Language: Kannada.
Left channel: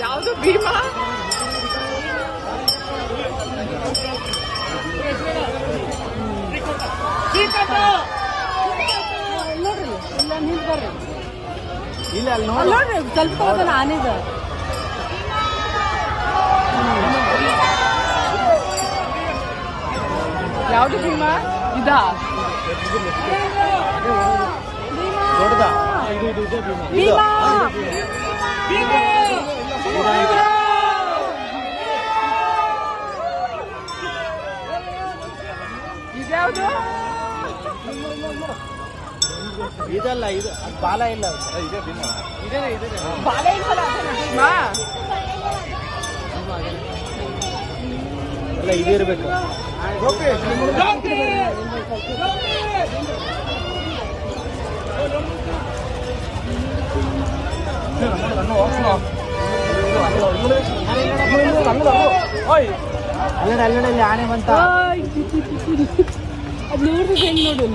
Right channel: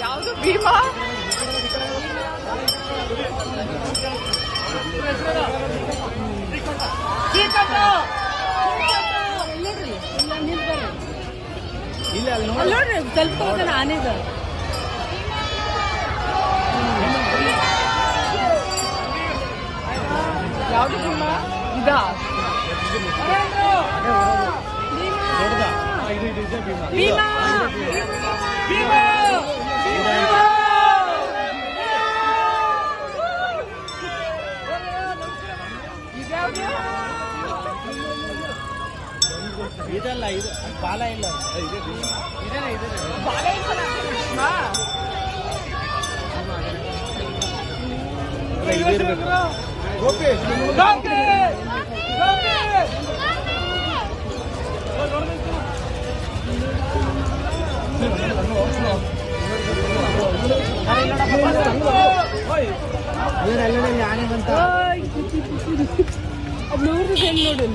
ಯಾವುದು ಭೀಮಾ ಇಲ್ಲ ನೋಡ್ರಿ ಸ್ವಲ್ಪ ಅದನ್ನ ಆನೆಗ ಯಾವುದು ಭೀಮಾ ಇದಾ ಭೀಮಾ ಇದ್ಯಾವುದು ಇದಲ್ಲ ಇದು ಬಾಲ ಇಲ್ಲ ಬಾಲ ಇಲ್ಲ ಭೀಮಾ ಇಲ್ಲ ಇದು ಇರ್ಬೇಕು ಅಲ್ಲಲ್ಲಿ ಆನೆ ಬಂತ ಅದು 100 ರೂಪಾಯಿ ನೋಡಿ